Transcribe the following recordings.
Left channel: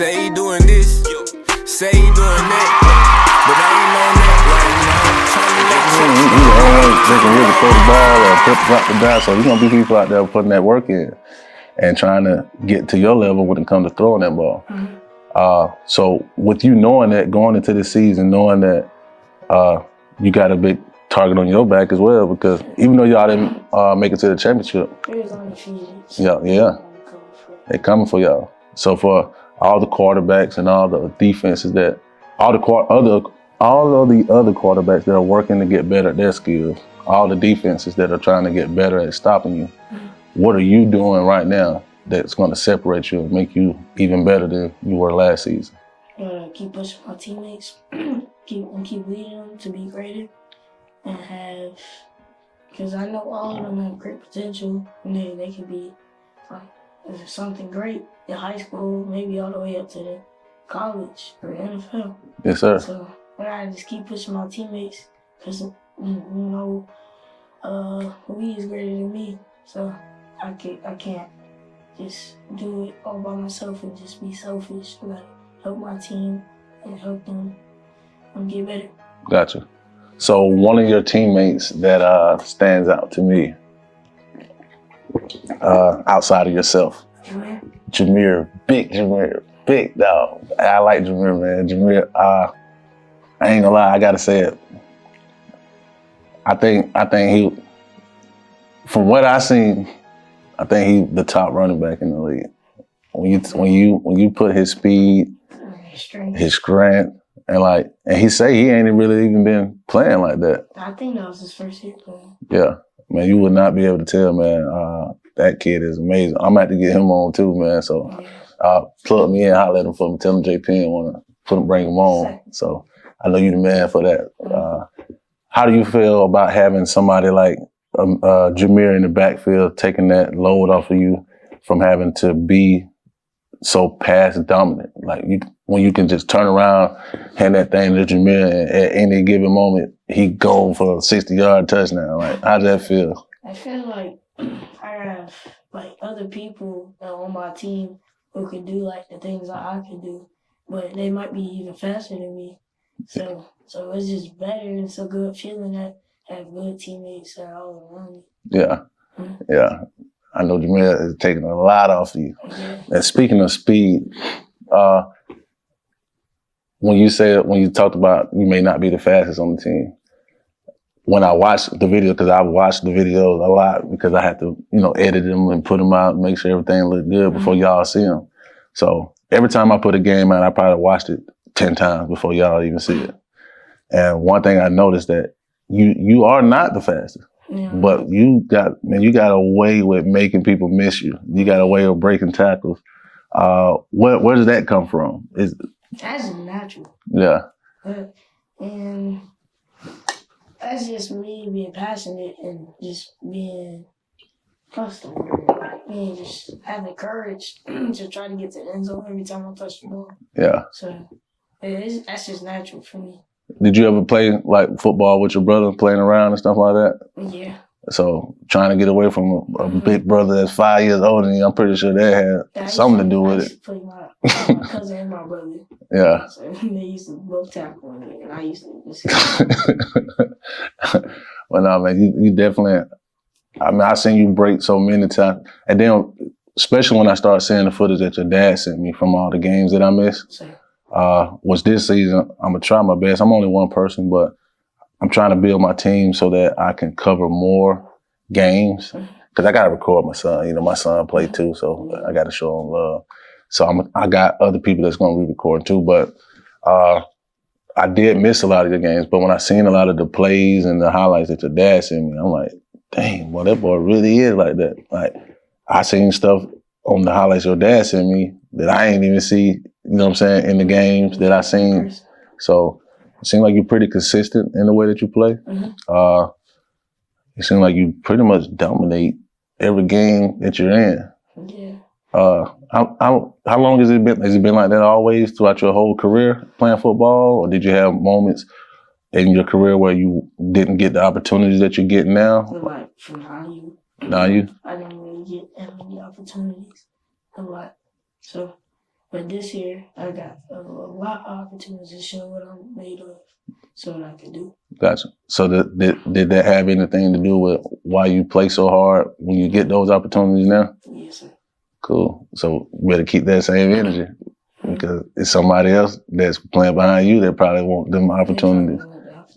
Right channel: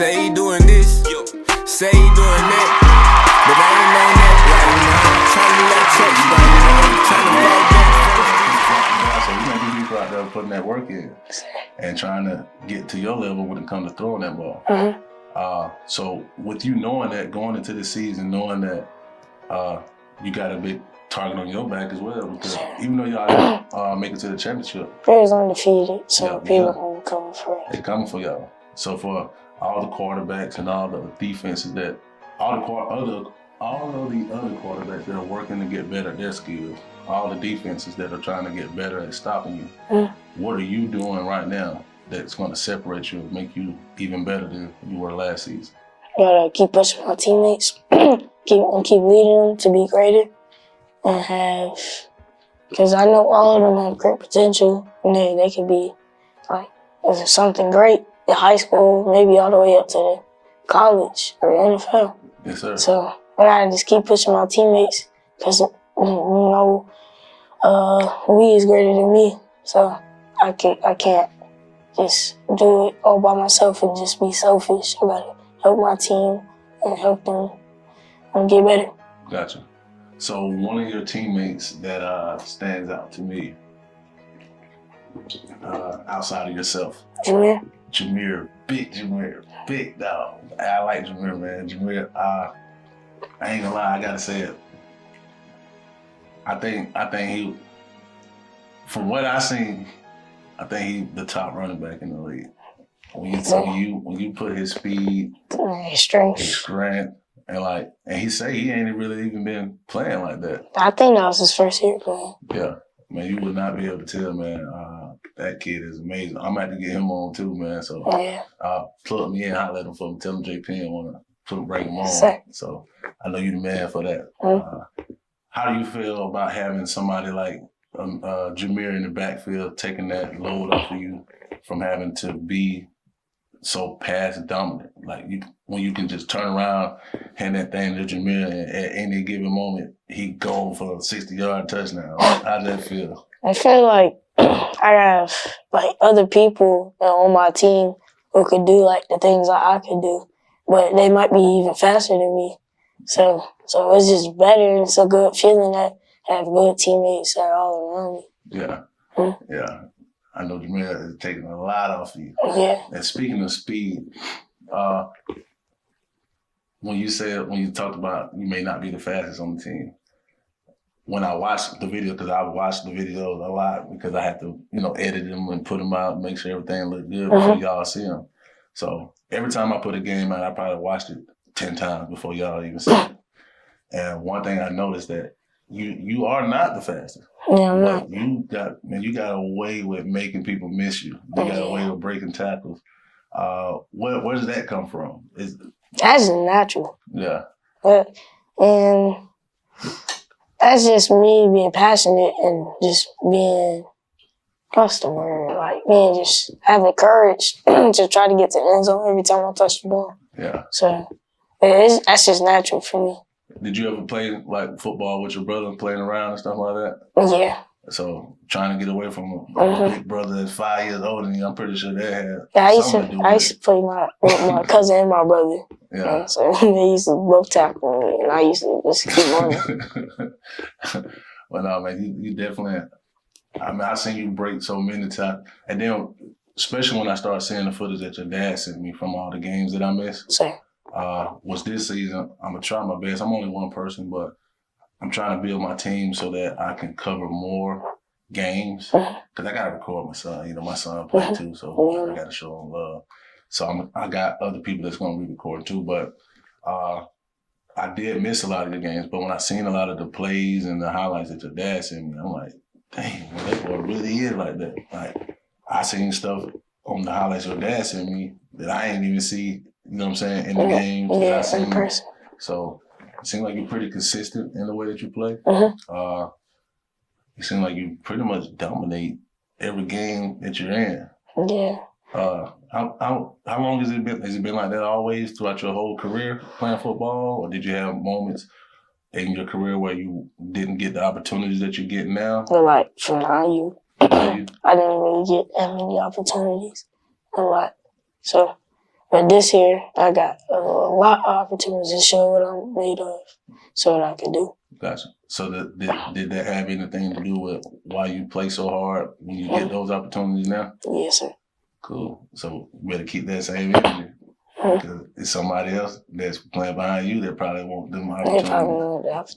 Say he doing this, say he doing that, but I ain't on that right now. So there's gonna be people out there putting that work in and trying to get to your level when it comes to throwing that ball. So with you knowing that, going into the season, knowing that you got a big target on your back as well, because even though y'all didn't make it to the championship, it was undefeated. So they coming for y'all. So for all the quarterbacks and all the defenses that all of the other quarterbacks that are working to get better at their skills, all the defenses that are trying to get better at stopping you, what are you doing right now that's going to separate you and make you even better than you were last season? I gotta keep pushing my teammates, keep leading them to be greater, and because I know all of them have great potential, and they could be like something great in high school, maybe all the way up to the college or NFL. Yes, sir. So I gotta just keep pushing my teammates, because we is greater than me. So I can't just do it all by myself and just be selfish. I gotta help my team and help them get better. Gotcha. So one of your teammates that stands out to me, outside of yourself, Jameer, big dog. I like Jameer, man. Jameer, I ain't gonna lie, I gotta say it. I think he, from what I seen, I think he's the top running back in the league. When you put his speed, his strength, and he say he ain't really even been playing like that. I think that was his first year playing. Yeah, man, you would not be able to tell, man. That kid is amazing. I'm about to get him on too, man. So plug me in, holler at him for me. Tell him Penn wanna bring him on. Sir. So I know you the man for that. How do you feel about having somebody like Jameer in the backfield, taking that load off of you from having to be so pass dominant? Like when you can just turn around, hand that thing to Jameer, and at any given moment he go for a 60-yard touchdown. Like, how does that feel? I feel like I have other people on my team who could do the things that I could do, but they might be even faster than me. So it's just better, and it's a good feeling that I have good teammates that are all around me. Yeah. Yeah. I know Jameer is taking a lot off of you. Yeah. And speaking of speed, when you talked about you may not be the fastest on the team, when I watched the video, because I've watched the videos a lot because I had to, edit them and put them out and make sure everything looked good before y'all see them. So every time I put a game out, I probably watched it 10 times before y'all even see it. And one thing I noticed that you are not the fastest. Yeah, but you got a way with making people miss you. You got a way of breaking tackles. Where does that come from? That's natural. Yeah. And that's just me being passionate and just being, what's the word? Being just having courage to try to get to the end zone every time I touch the ball. Yeah. So that's just natural for me. Did you ever play football with your brother, playing around and stuff like that? Yeah. So trying to get away from a big brother that's 5 years older than you, I'm pretty sure that had something to do with it. I used to play with my cousin and my brother. Yeah. So they used to both tackle me, and I used to just keep on. Well, no, man, you definitely, I've seen you break so many times. And then, especially when I started seeing the footage that your dad sent me from all the games that I missed. Same. Was this season, I'm going to try my best. I'm only one person, but I'm trying to build my team so that I can cover more games. Because I got to record my son. My son played too, so I got to show him love. So I got other people that's going to re-record too. But I did miss a lot of the games. But when I seen a lot of the plays and the highlights that your dad sent me, I'm like, dang, well, that boy really is like that. I seen stuff on the highlights your dad sent me that I ain't even see, in the games that I seen. So it seems like you're pretty consistent in the way that you play. It seems like you pretty much dominate every game that you're in. Yeah. How long has it been? Has it been like that always throughout your whole career playing football? Or did you have moments in your career where you didn't get the opportunities that you're getting now? From IU. IU? I didn't really get that many opportunities a lot. So But this year, I got a lot of opportunities to show what I'm made of, so what I can do. Gotcha. So did that have anything to do with why you play so hard when you get those opportunities now? Yes, sir. Cool. So you better keep that same energy because it's somebody else that's playing behind you that probably want them opportunities.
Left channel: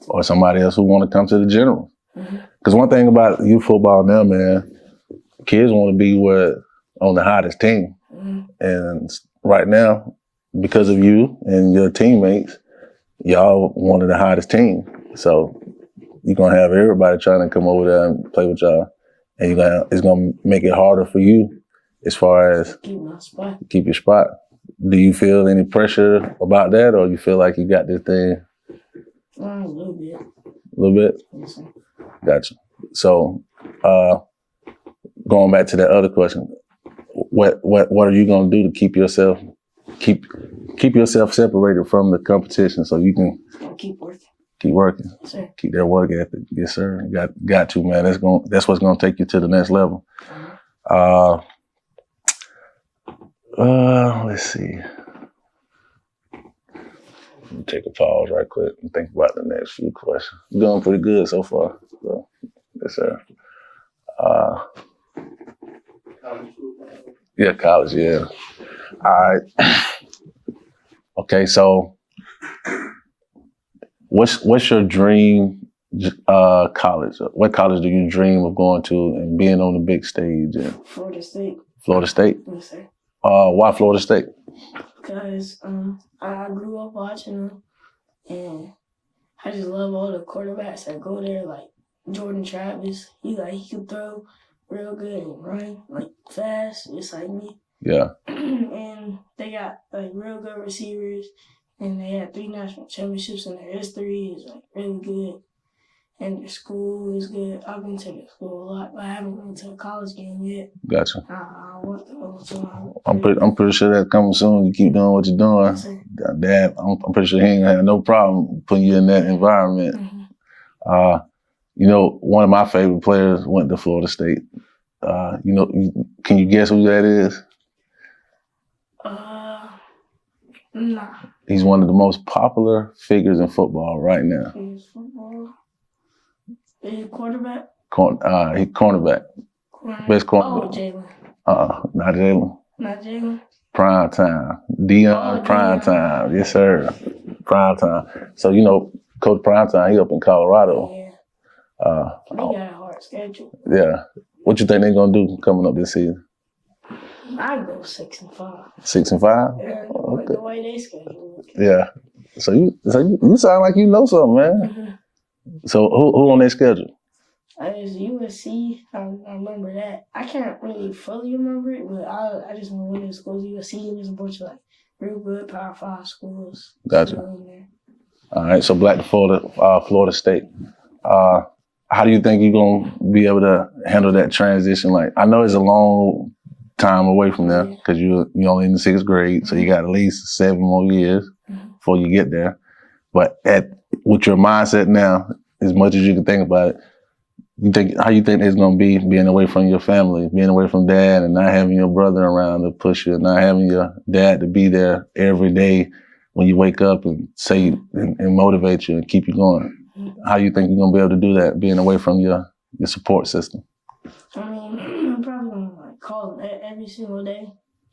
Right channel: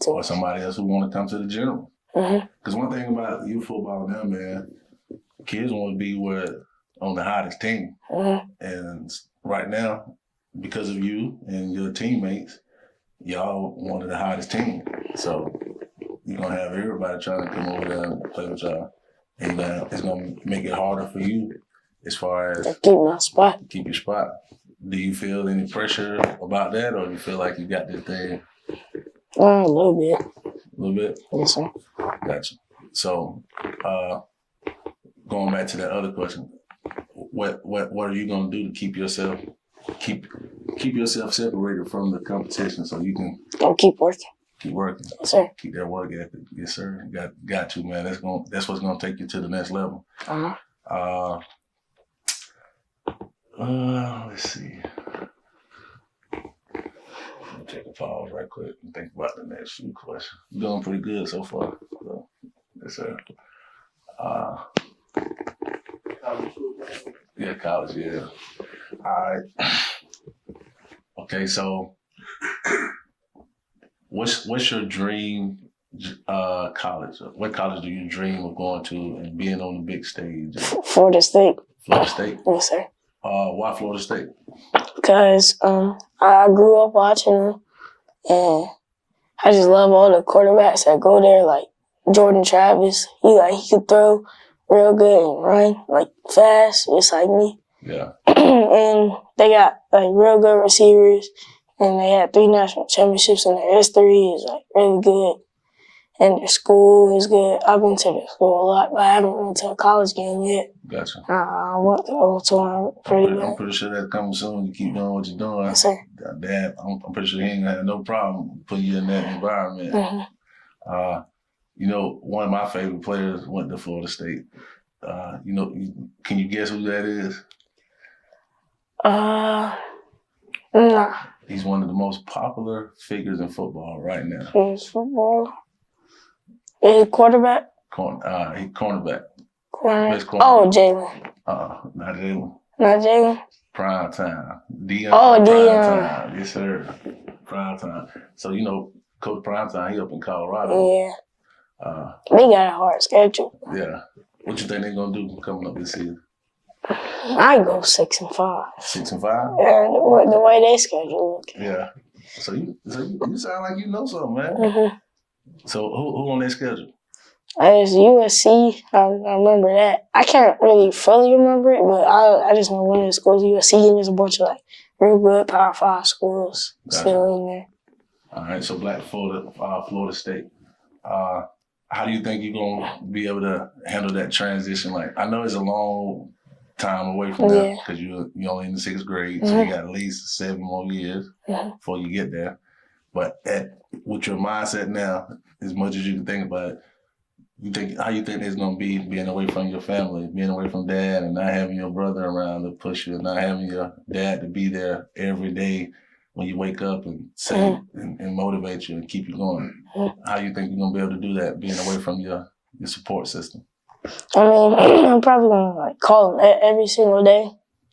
Or somebody else who want to come to the general. Because one thing about youth football now, man, kids want to be on the hottest team. And right now, because of you and your teammates, y'all one of the hottest team. So you're going to have everybody trying to come over there and play with y'all. And it's going to make it harder for you as far as keep my spot. Keep your spot. Do you feel any pressure about that, or you feel like you got this thing? A little bit. A little bit? Yes, sir. Gotcha. So, going back to that other question, what are you gonna do to keep yourself separated from the competition so you can keep working? Keep working. Yes, sir. Keep that work ethic. Yes, sir. Got to, man. That's what's gonna take you to the next level. Let's see. Let me take a pause right quick and think about the next few questions. You're going pretty good so far. So, yes, sir. Yeah, college, yeah. All right. Okay, so what's your dream college? What college do you dream of going to and being on the big stage? Florida State. Florida State? Yes, sir. Why Florida State? Because I grew up watching them, and I just love all the quarterbacks that go there, like Jordan Travis. He could throw real good and run like fast, just like me. Yeah. And they got like real good receivers, and they had 3 national championships in their history. Is like really good. And their school is good. I've been to their school a lot, but I haven't went to a college game yet. Gotcha. I want to go to one. I'm pretty sure that's coming soon. You keep doing what you're doing. Yes, sir. Dad, I'm pretty sure he ain't gonna have no problem putting you in that environment. You know, one of my favorite players went to Florida State. You know, can you guess who that is? Nah. He's one of the most popular figures in football right now. Football. Is he quarterback? He cornerback. Best corner. Oh, Jalen. Not Jalen. Not Jalen? Prime time. Deion Prime time. Yes, sir. Prime time. So, you know, Coach Prime time, he up in Colorado. Yeah. They got a hard schedule. Yeah. What you think they're going to do coming up this season? I go 6-5. 6-5? Yeah, the way they schedule look. Yeah. So you sound like you know something, man. So who on their schedule? It's USC. I remember that. I can't really fully remember it, but I just know one of the schools, USC, and there's a bunch of like real good Power 5 schools still in there. All right, so back to Florida State. How do you think you're gonna be able to handle that transition? Like, I know it's a long time away from there because you're only in the 6th grade, so you got at least 7 more years before you get there. But with your mindset now, as much as you can think about it, how you think it's gonna be being away from your family, being away from dad, and not having your brother around to push you, and not having your dad to be there every day when you wake up and say and motivate you and keep you going? How do you think you're gonna be able to do that, being away from your support system? I mean, I'm probably gonna like call them every single day,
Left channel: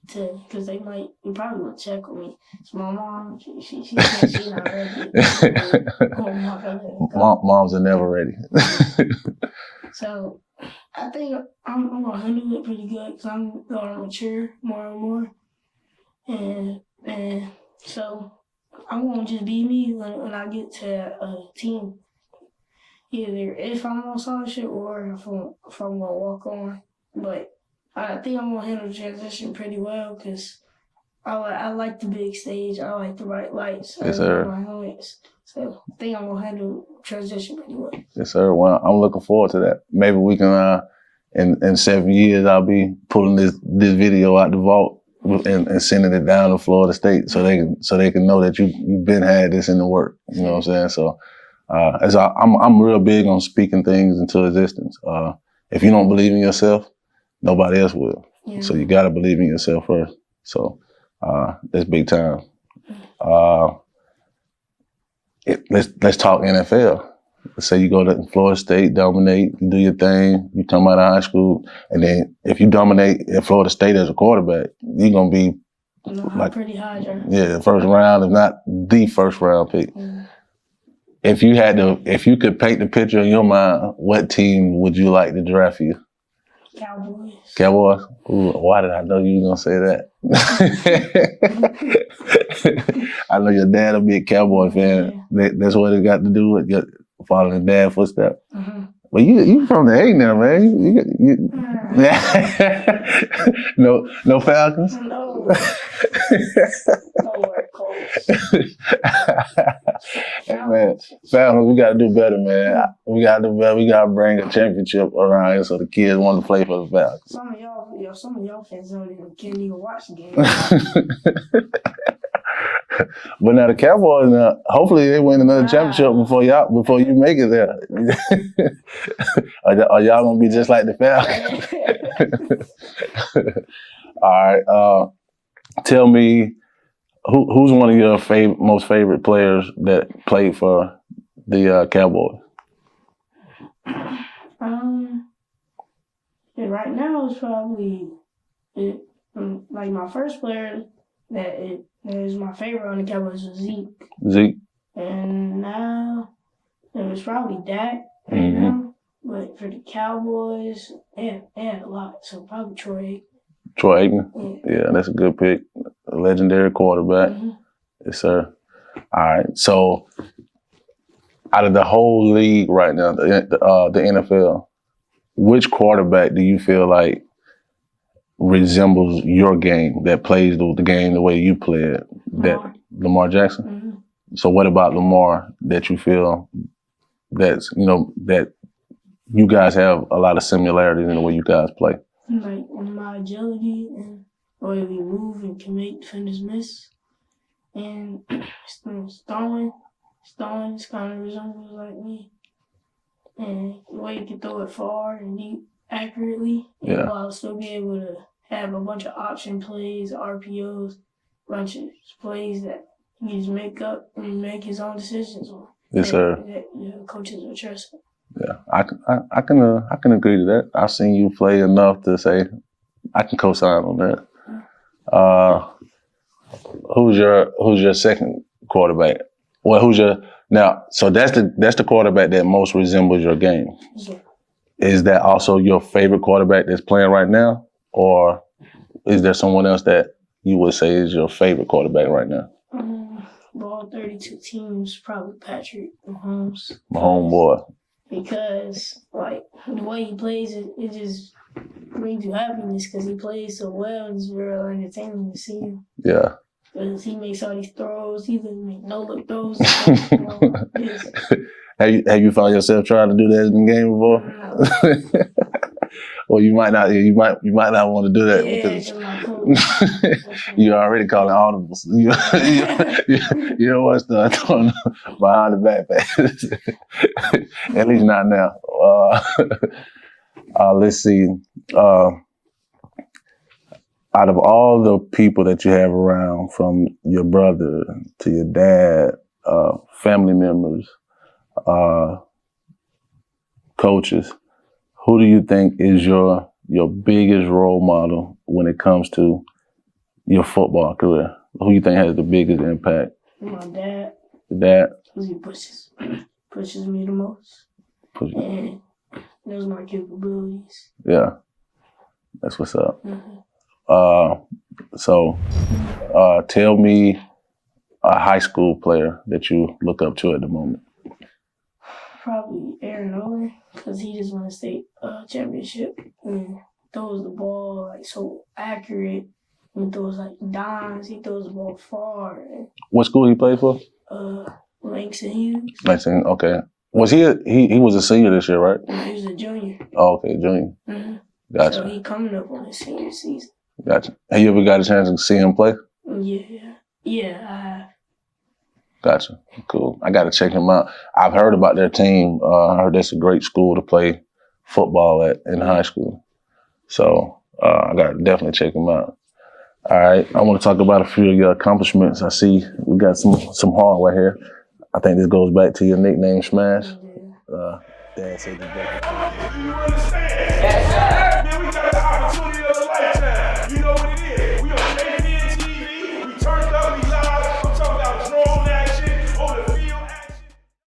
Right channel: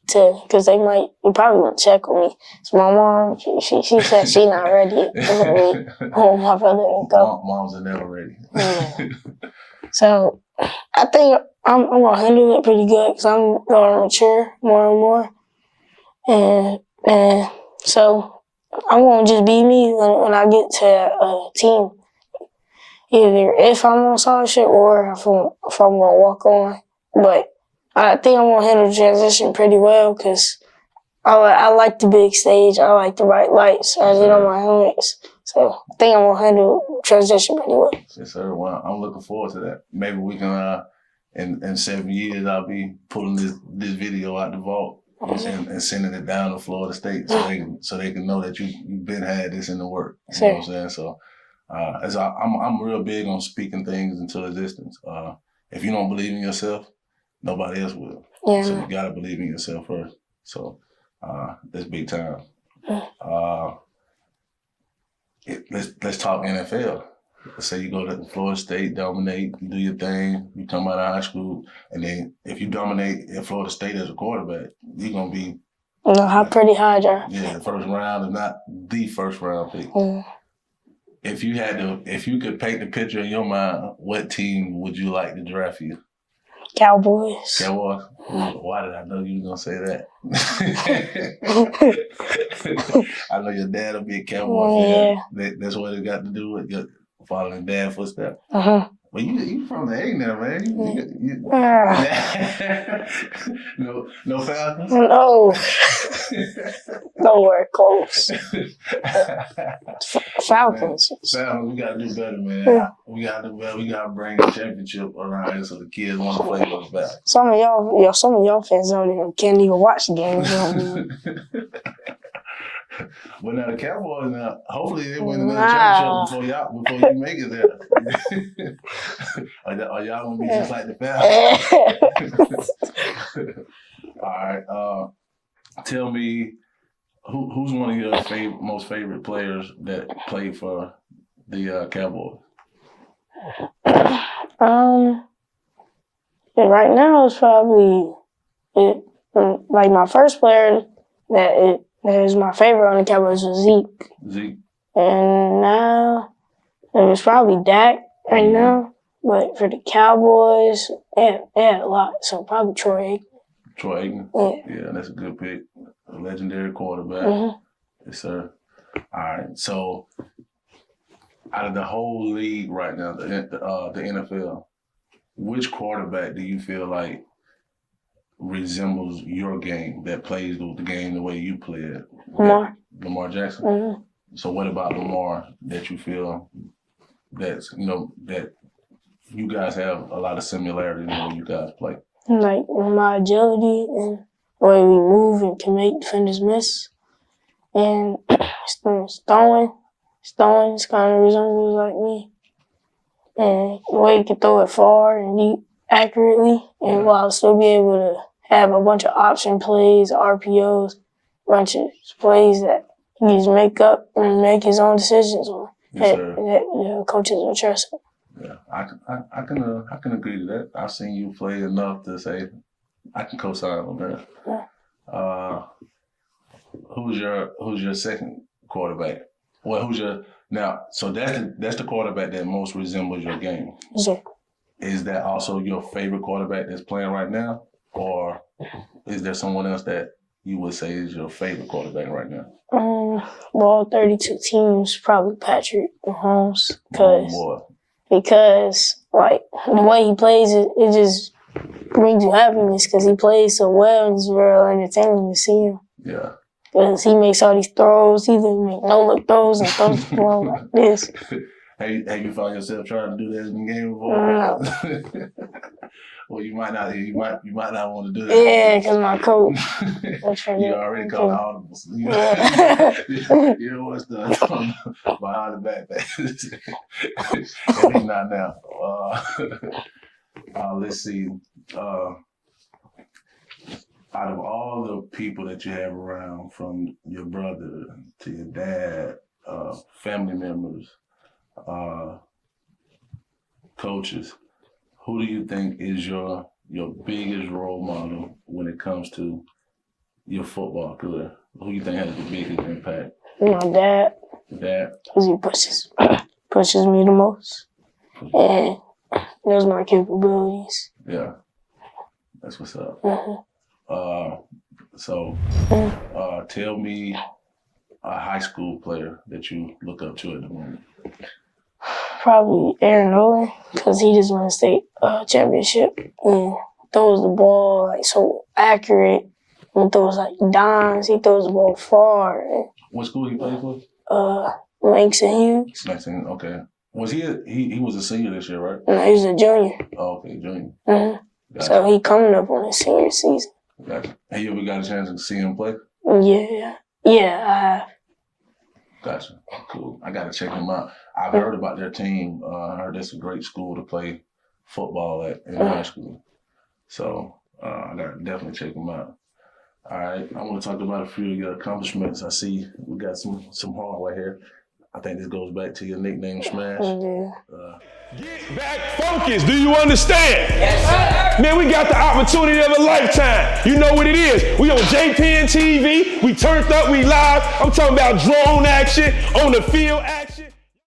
because they probably gonna check on me. So my mom, she said she's not ready. My brother and go. Moms are never ready. So I think I'm gonna handle it pretty good because I'm gonna mature more and more, and so I'm gonna just be me when I get to a team. Either if I'm on scholarship or if I'm gonna walk on. But I think I'm gonna handle the transition pretty well because I like the big stage. I like the bright lights. I get on my helmets. So I think I'm gonna handle transition pretty well. Yes, sir. Well, I'm looking forward to that. Maybe we can, in 7 years, I'll be pulling this video out the vault and sending it down to Florida State so they can know that you've been had this in the work. You know what I'm saying? So. I'm real big on speaking things into existence. If you don't believe in yourself, nobody else will. Yeah. So you got to believe in yourself first. So That's big time. Let's talk NFL. Let's say you go to Florida State, dominate, you do your thing, you come out of high school, and then if you dominate at Florida State as a quarterback, you're gonna be pretty high draft. Yeah, the first round, if not the first round pick. If you could paint the picture in your mind, what team would you like to draft you? Cowboys. Cowboys? Why did I know you were gonna say that? I know your dad will be a Cowboy fan. That's what it got to do with your following dad's footsteps. Well, you from the A now, man. No Falcons? No. Nowhere close. Falcons. Man, Falcons, we gotta do better, man. We gotta do better. We gotta bring a championship around here so the kids want to play for the Falcons. Some of y'all fans can't even watch the game. But now the Cowboys, hopefully they win another championship before you make it there. Are y'all gonna be just like the Falcons? All right. Tell me, who's one of your most favorite players that played for the Cowboys? Right now it's probably like my first player that is my favorite on the Cowboys was Zeke. Zeke. And now it was probably Dak right now. But for the Cowboys, they had a lot. So probably Troy Aikman. Troy Aikman? Yeah, that's a good pick. A legendary quarterback. Yes, sir. All right. So out of the whole league right now, the NFL, which quarterback do you feel like resembles your game, that plays the game the way you play it? Lamar Jackson? So what about Lamar that you feel that you guys have a lot of similarities in the way you guys play? Like my agility and the way we move and can make defenders miss. And throwing kind of resembles like me. And the way you can throw it far and deep accurately, and while still be able to have a bunch of option plays, RPOs, bunch of plays that he can just make up and make his own decisions on. Yes, sir. That coaches will trust him. Yeah, I can agree to that. I've seen you play enough to say I can co-sign on that. Yeah. Who's your second quarterback? Well, so that's the quarterback that most resembles your game. Sure. Is that also your favorite quarterback that's playing right now? Or is there someone else that you would say is your favorite quarterback right now? Well, 32 teams, probably Patrick Mahomes. Homeboy. Because, like, the way he plays, it just brings you happiness because he plays so well and it's very entertaining to see him. Yeah. Because he makes all these throws, he either make no-look throws and throws like this. Have you found yourself trying to do that in the game before? Well, you might not want to do that. Yeah, because my coach. You already called audibles. You don't want to start throwing behind the back pass. At least not now. Let's see. Out of all the people that you have around, from your brother to your dad, family members, coaches, who do you think is your biggest role model when it comes to your football career? Who do you think has the biggest impact? My dad. Your dad? Because he pushes me the most. And knows my capabilities. Yeah. That's what's up. Tell me a high school player that you look up to at the moment. Probably Aaron Nolan, because he just won a state championship and throws the ball like so accurate and throws like dimes. He throws the ball far. What school he played for? Langston Hughes. Langston, okay. Was he was a senior this year, right? No, he was a junior. Oh, okay, junior. Gotcha. So he coming up on his senior season. Gotcha. Have you ever got a chance to see him play? Yeah, I have. Gotcha. Cool. I got to check him out. I've heard about their team. I heard that's a great school to play football at in high school. So I got to definitely check him out. All right, I want to talk about a few of your accomplishments. I see we got some hardware here. I think this goes back to your nickname, Smash. Focus, do you understand? Yes, sir. Man, we got the opportunity of a lifetime. You know what it is. We on JPN TV, we turned up, we live. I'm talking about drone action on the field.